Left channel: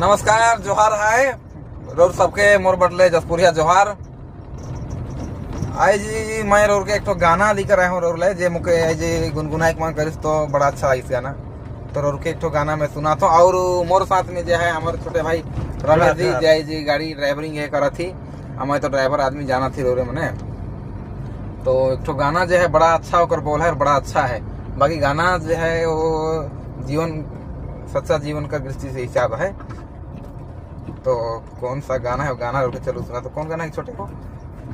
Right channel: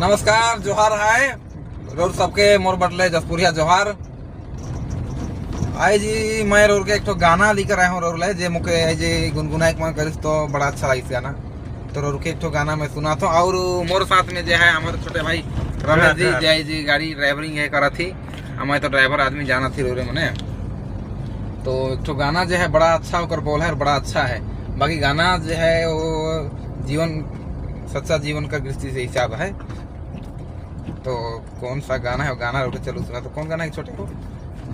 नमस्कार जोहार है रोर सबके मोर बटले जसपुरिया जोहार। आई जी मैं रोर के एक तो गाना लेकर आया हूँ रोर ले जे मुके आई जी गुनगुनाई मन करिस तो बड़ा अच्छा इस गाना तो रोर के एक तो गाना मैं सुना तो और मोर साथ में जो है हमारे छोटे भाई रमेश जी जय जी गाड़ी ड्राइवरिंग है करा थी। हमें तो ड्राइवर आदमी जाना थी रोरे मने तो एक तो गाना जो है बड़ा अच्छा होकर बोल है और बड़ा अच्छा है। बाकी गाना जो है वो जीवन सच्चा जीवन का दृष्टि से हिसाब है। तो कौन सा गाना है वो गाना उठ चलो सुना। तो कौन गाना है छोटे को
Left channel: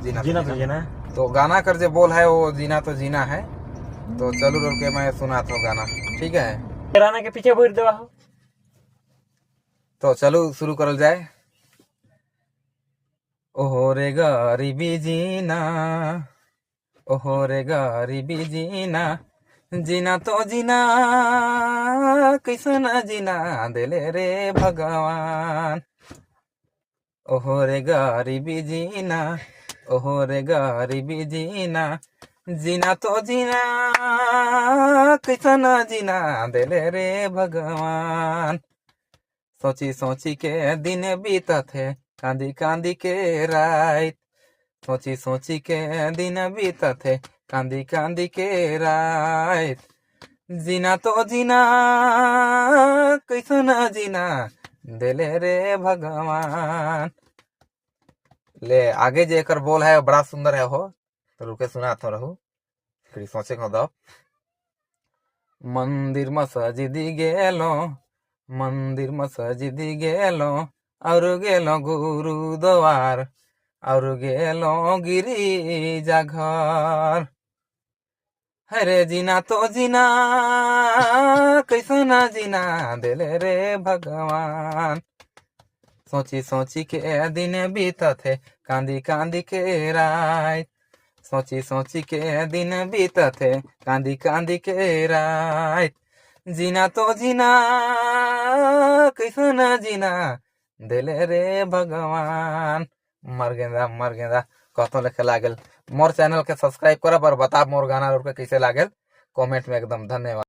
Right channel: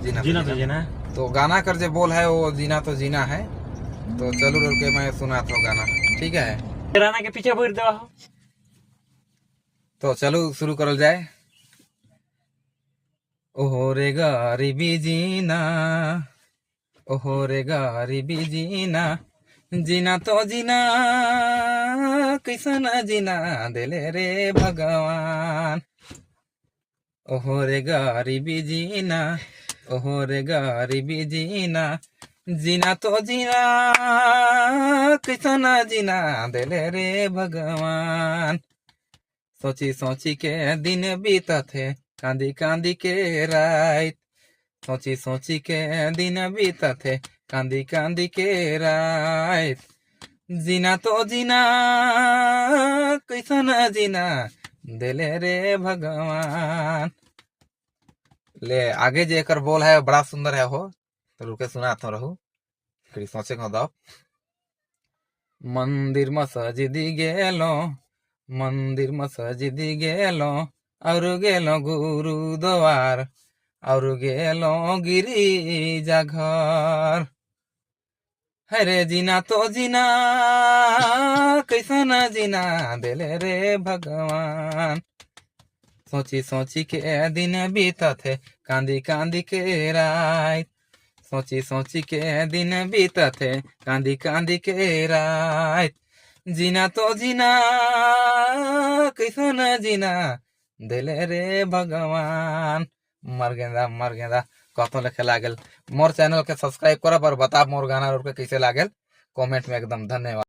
जीना तो जीना तो गाना कर जो बोल है वो जीना तो जीना है। तो चलो रोक के मैं सुना था गाना ठीक है गाना के पीछे बोल देवा हो। तो चलो शुरू करल जाए। ओहो रे गरीबी जीना ओहो रे गरीबी जीना जीना तो जीना कैसन जीना दिले रे भगवान। ओहो रे गरीबी जीना ओहो रे गरीबी जीना जीना तो जीना कैसन जीना दिले रे भगवान। सोची सोची के दिन बीतत है कांदी कांदी के रात। सोची सोची के दिन बीतत है कांदी कांदी के रात। जीना तो जीना कैसन जीना दिले रे भगवान। ले आगे जे एकर बोल है बड़ा सुंदर है हो तो रुके सुना तो रहू फिर सोचे को दो। मंदिर मस्जिदी गेलो मंदिर मस्जिदी गेलो और गेलो गुरुद्वार और गेलो गिरिजा घर। हरे जीना तो जीना कैसन जीना दिले रे भगवान। सोची सोची के दिन बीतत है कांदी कांदी के रात। सोची सोची के दिन बीतत है कांदी कांदी के रात। जीना तो जीना कैसन जीना दिले रे भगवान। मर गेंदा कतो लेखे लागल। मोर चैनल के सब्सक्राइब करब और बताब मोर गाना कैसे लागल कमेंट में एकदम धन्यवाद।